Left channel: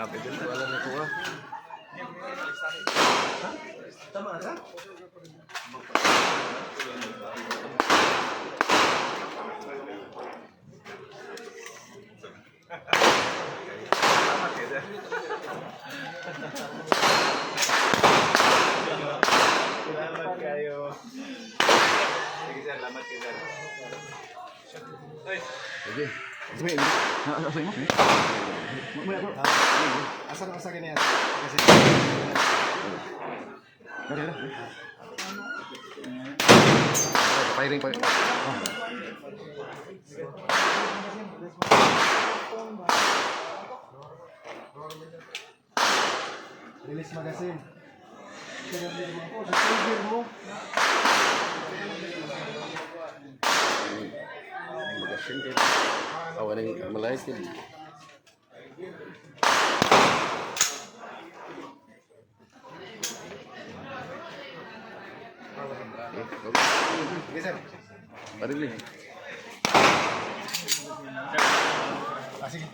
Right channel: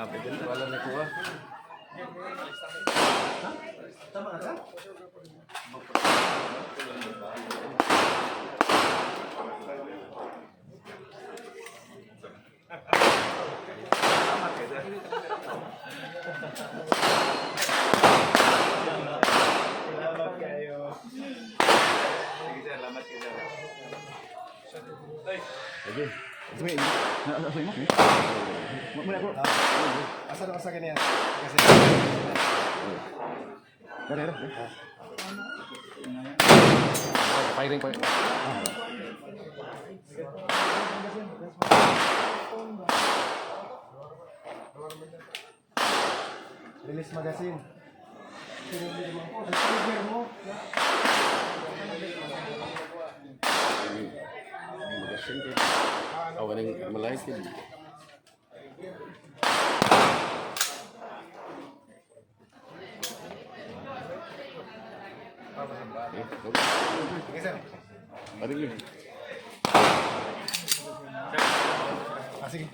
Pwede na. Wala na ko ah. Ha? Tama na ka? Salamat kayo, sir. Salamat kayo. Sige, sir. Salamat kayo, sir. Sige. Sige. Asay mo? Muna ko. Asa ganyan? Kasi Dara. Firing pa. Release magazine. Magasin din. Awan ng malayas din. Sige sir. Parinig. Sige.